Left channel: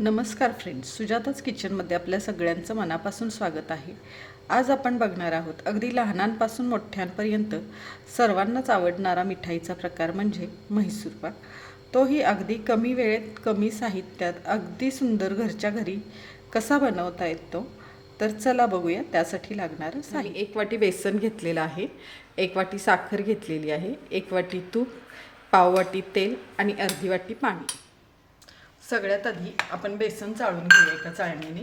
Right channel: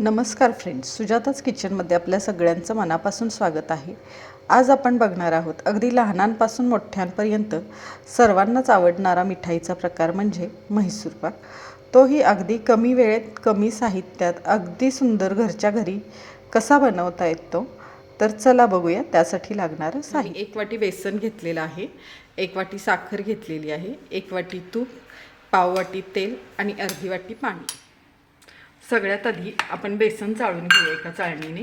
नमस्कार फ्रेंड्स सुजाताच किचनमध्ये आपल्या सगळ्यांचं मनापासून स्वागत आहे. आज आपण बघणार आहोत अगदी लहानांपासून मोठ्यांपर्यंत सर्वांनाच आवडणारा मिठाईचा प्रकार म्हणजे म्हैसूर पाक. तोही अगदी कमी वेळेत कमी साहित्यात अगदी सुंदर घरच्या घरी कसा बनवता येतो? तर चला बघूया त्यासाठी लागणारं साहित्य. एक वाटी बेसन घेतलेलं आहे एक वाटी साखर घेतलेली आहे एक वाटी तूप पाव वाटी तेल आणि अर्धी वाटी पाणी. सगळ्यात आधी आपण बेसन चाळून घेऊया एका चाळणीने.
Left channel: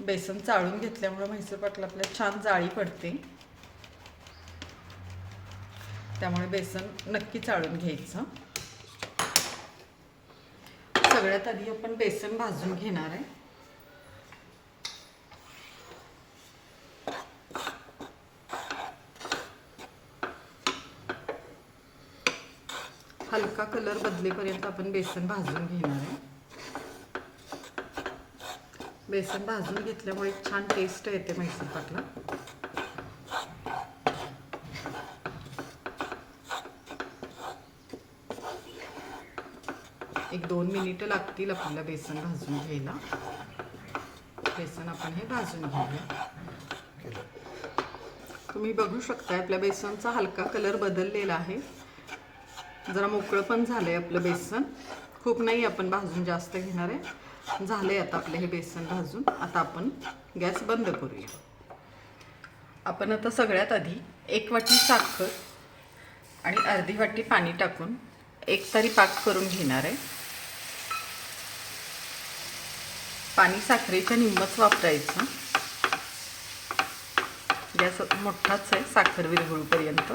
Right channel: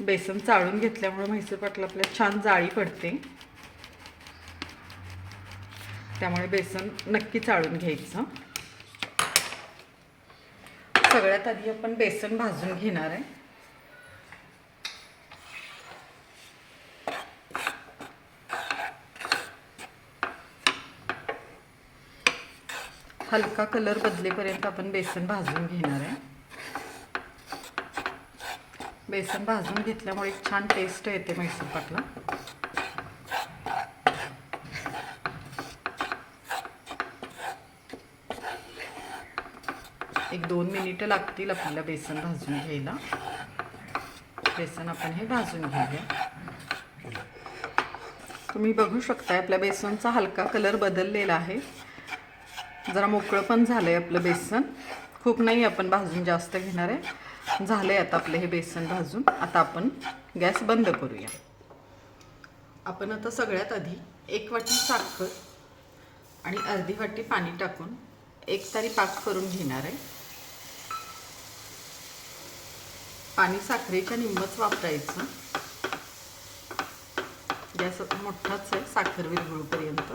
बेसन चाळून घेतल्यामुळे म्हैसूर पाटला आपल्याला छान जाळी पडते. त्यामुळे बेसन नक्की चाळून घ्यायचं. सगळ्यात आधी आपण बेसन भाजून घेणार आहे. हलका कलर बदलेपर्यंत आपण बेसन भाजून घेणार आहे. बेसन भाजून घेतल्यामुळे एक छान टेस्ट येते म्हैसूर पाकला एक दोन मिनिटं लागतील आपल्याला बेसन भाजून घ्यायला. बेसन आपण हे भाजून घेऊया. तुम्ही बघू शकताय आपल्या बेसनचा हलका कलर बदललेला आहे. जरा मोकळं पण झालं आहे आपलं बेसन. खूप नाही आपण भाजून जास्त घेणार आहे. झालं आहे आता आपलं हे बेसन भाजून. आता आपण गॅस बंद करूया. आपण आता सगळ्यात आधी एक वाटी साखर आणि अर्धी वाटी पाणी टाकून एक तरी पाक करून घेणार आहे. पाणी साखरेच्या निम्मच वापरायचं. गॅस मोठाच आहे साखर विरघळूपर्यंत.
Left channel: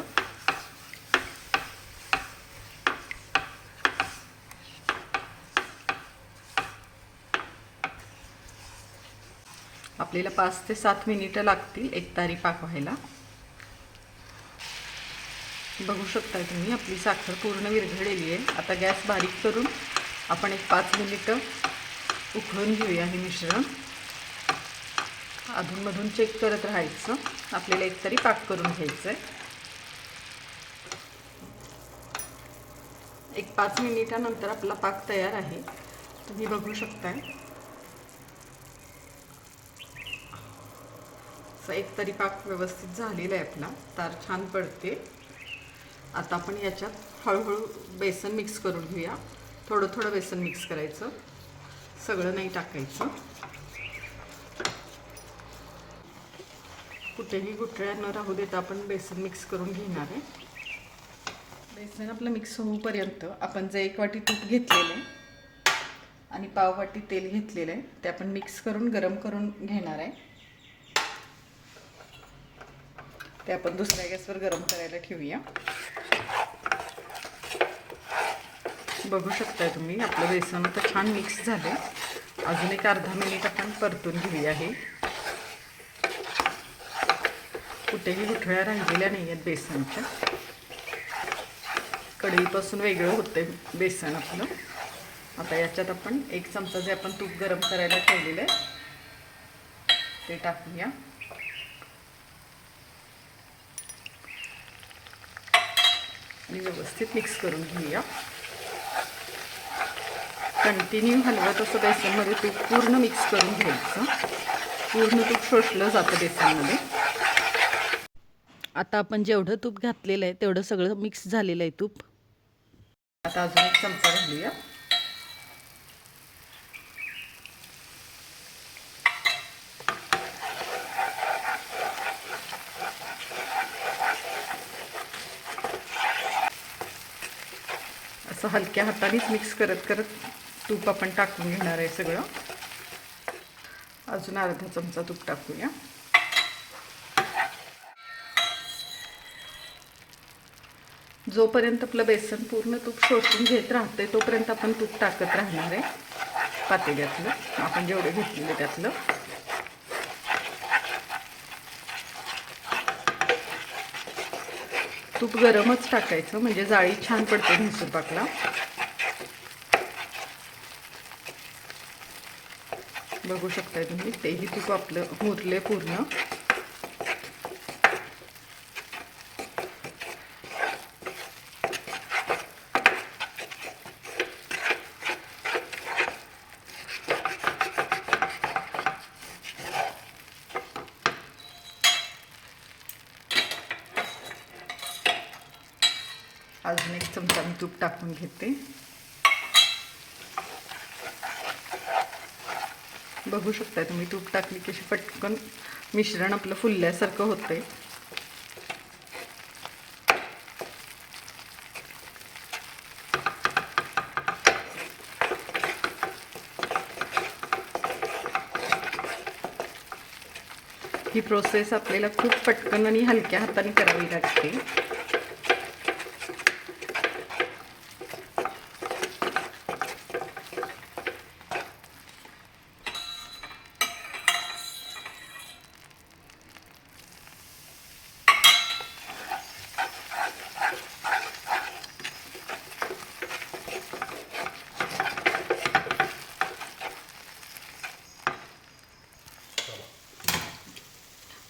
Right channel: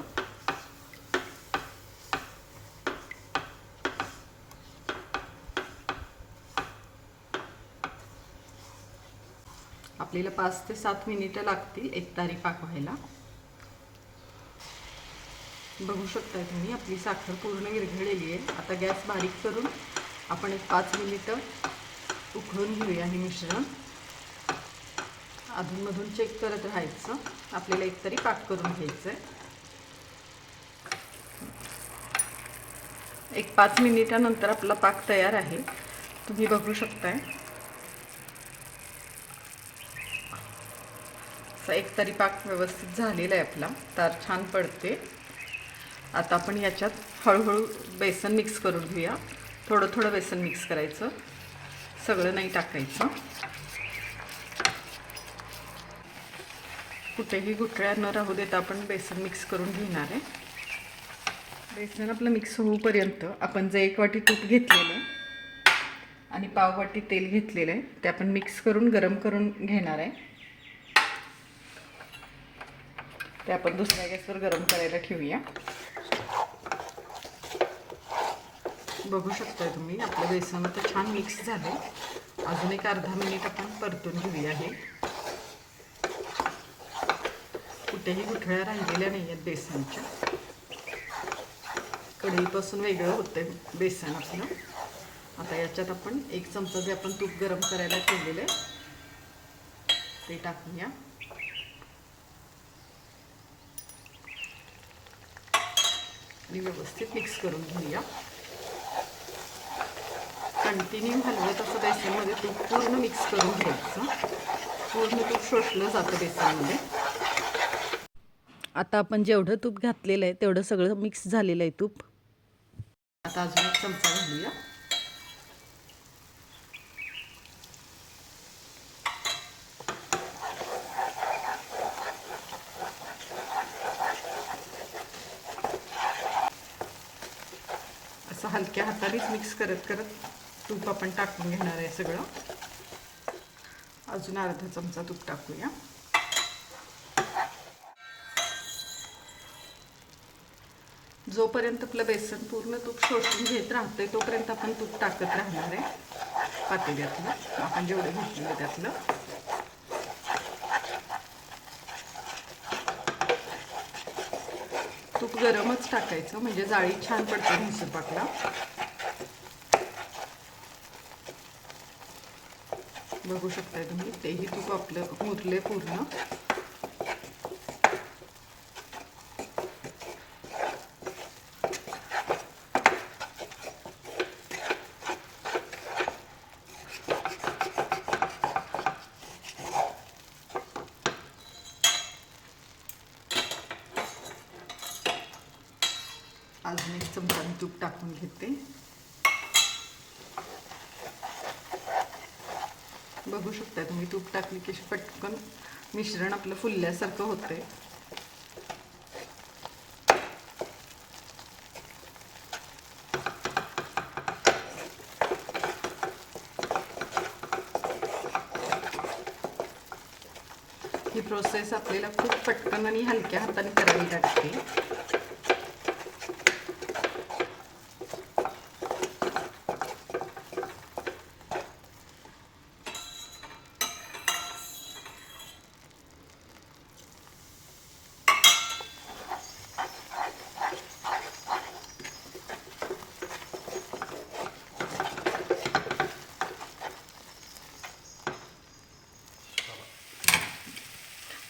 आपल्याला पाच ते सात मिनिटं लागतील एक तारी पाक व्हायला बघू शकता तुम्ही आपली साखर पूर्ण विरघळलेली आहे. आता गॅस बारीक करून आपण एक पाच मिनिटं उकळून घेऊया हे मिश्रण. अधूनमधून चेक करत राहायचं. आपल्याला एक तरी पाक करून घ्यायचं आहे एक पाच मिनिटानंतर आपला पाक तयार आहे. तुम्ही बघू शकताय. असा एक तरी पाक व्यवस्थित झालेला आहे आपला. तार छान पडते. आता आपण याच्यात हळूहळू बेसन मिक्स करून घेऊया. थोडं थोडं बेसन मिक्स करायचं. सगळं नाही टाकायचं. कुठेही गुठळ्या न राहू देता आपण बेसन मिक्स करून घेणार आहे. बेसन आपलं मिक्स होऊपर्यंत आपण जे एक वाटी तूप घेतलेलं आहे आणि पाव वाटी तेल घेतलेलं आहे ते आपण मिक्स करून गरम करून घेणार आहे. ते आपण दुसऱ्या गॅसवर गरम करायला ठेवूया. बघू शकता तुम्ही आपलं बेसन तर छान मिक्स झालं अजून एक अर्धा मिनिट आपण परतून घेऊया हे. कुठेही गुठळ्या राहिलेल्या नाही आहेत बेसनच्या. कढईपासून वेगळं होतं बेसनचं आता याच्यात आपण एक चमचा जे आपण तूप गरम करायला ठेवलेलं आहे ते टाकूया. आणि व्यवस्थित मिक्स करून घेऊया. कंटिन्यू हलवत असं म्हणजे बेसनमध्ये तूप पूर्ण मिक्स करून घ्यायचं. पूर्ण तूप शोषलं जातं बेसनमध्ये. आता आपण जेवढं तूप घातलेलं आहे तेवढं सगळं मिक्स झालेलं आहे तूप. आता अजून एक चमचा घालूया असं हलक्या हातानेच मिक्स करत करत तूप आपण टाकून घेणार आहे सगळं. अजून अर्धा चमचा तूप टाकूया. जोपर्यंत आपलं बेसन पूर्ण तूप शोषून घेत राहते तोपर्यंत आपण तूप टाकत राहणार आहे. पातेल्यातलं. आपण जेवढं घेतलं त्यातलं. तूप गरमच टाकायचं म्हणजे जाळी छान पडते म्हैसूर पाकला. बघू शकताय तुम्ही. तेही तूप आपलं भोरले पूर्ण. अजून एक चमचा मी तूप टाकून घेते. बघू शकता तुम्ही. तूप टाकली की अशी पटकन मिश्रण आपलं फुलल्यासारखं होतंय. ही प्रोसेस आपल्याला खूप पटकन आणि हलक्या हाताने करावी लागते.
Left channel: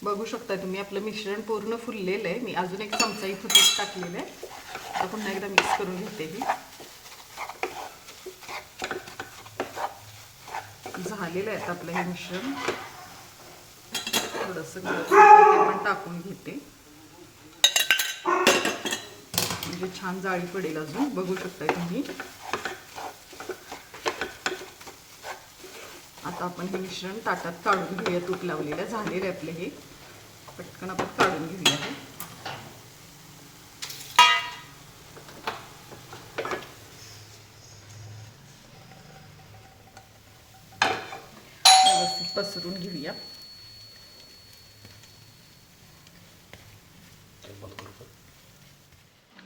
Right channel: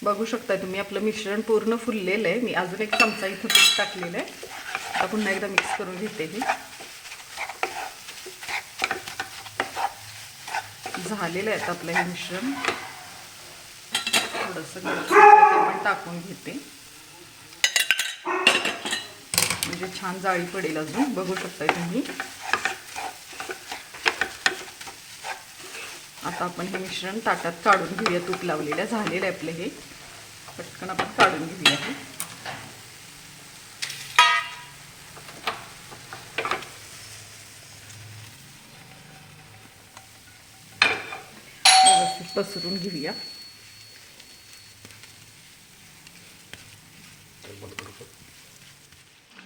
बघू शकता तुम्ही आपलं मिश्रण पूर्ण फुललेलं आहे. मी अजून एक चमचा इथं तूप टाकलेलं आहे. आता पुन्हा एकदा मिक्स करून घेते ही झालेलं आहे आपलं हे मिश्रण. थोडंसं टाकून घेते. म्हणजे छान जाळी पडेल अजून. बघू शकताय तुम्ही. आता आपण हे मिश्रण ताटात काढून घेऊया. तूप लावलेलं झालेलं आहे आपलं हे. पटकन आपण काढून घेऊया हे व्यवस्थित पसरून घेऊया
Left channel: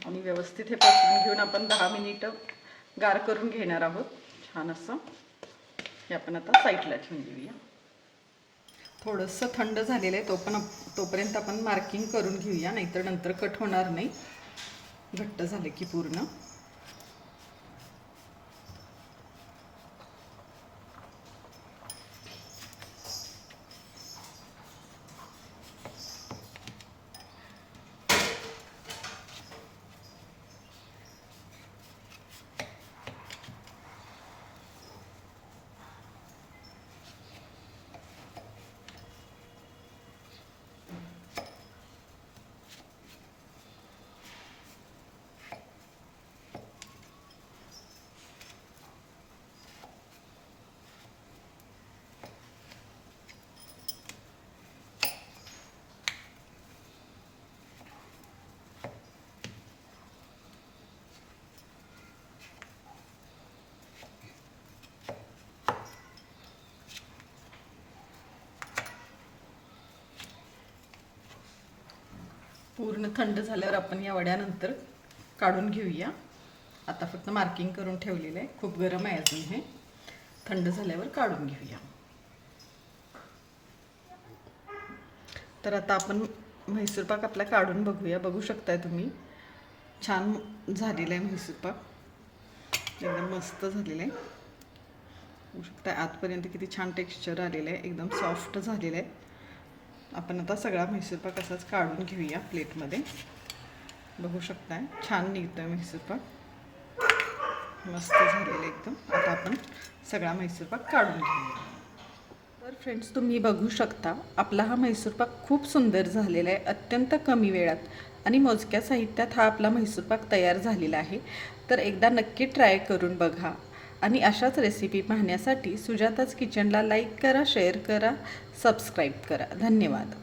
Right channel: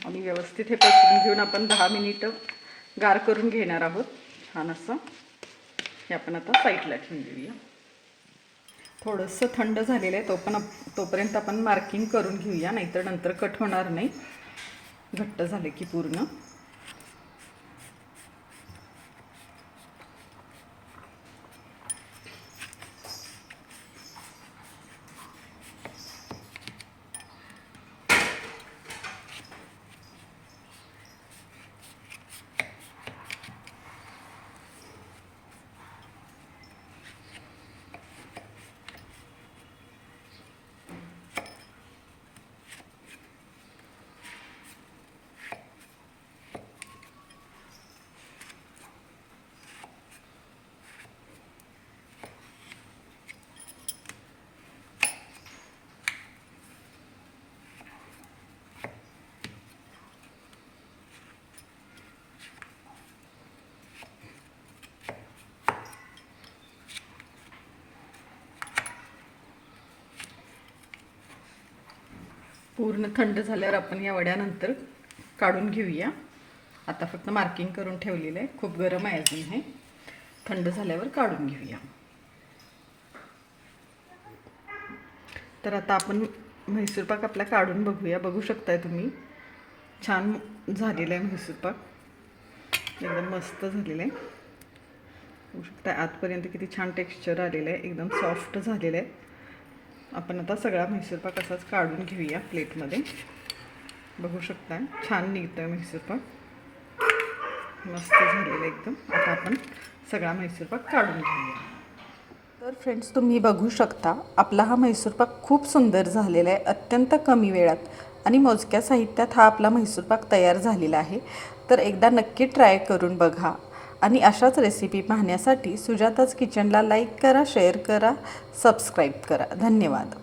आणि व्यवस्थित हे पसरून घेऊन आपण दहा मिनिटं गार करून घेणार आहोत. छान असं. हे आपण आता साईडला ठेवून देऊया. थोडंसं थंड झालेलं आहे तो पण तोपर्यंत आपण मार्किंग करून घेऊया नाहीतर नंतर कट होणार नाही. घट्ट झाले की पूर्ण. पूर्ण थंड झाल्यावर आपण या वड्यानंतर काढून घेऊया. आता फक्त मार्किंग करून ठेवलेलं आहे. खूप गरम आहे अजून हे. थंड झाल्यावर काढून घेऊया. तर आता आपण म्हैसूर पाक आपला काढून बघूया. बघू शकताय तुम्ही. छान झालेला आहे म्हैसूर पाक. एकदम मस्त झालेलं आहे. बघू शकता आतपर्यंत किती छान टेक्स्चर आलेलं आहे. एकदम सॉफ्ट झालेलं आहे. आपण आता सगळा म्हैसूरपाक असाच काढून घेऊया प्लेटमध्ये. बघू शकताय छान निघतं आहे म्हैसूरपाक मस्त झालेलं आहे एकदम. आता आपण सगळा म्हैसूरपाक काढून घेऊया. तर फ्रेंड्स तुम्ही बघू शकता आपला हा म्हैसूरपाक खूप सुंदर झालेला आहे अत्यंत कमी वेळात. आणि मोजक्या साहित्यात हा आपला म्हैसूरपाक तयार झालेला आहे. तर एकदा नक्की ट्राय करून बघा. आणि अशाच रेसिपी पाहण्यासाठी सुजाताच किचनला लाईक करा शेअर करा सबस्क्राईब करा. धन्यवाद.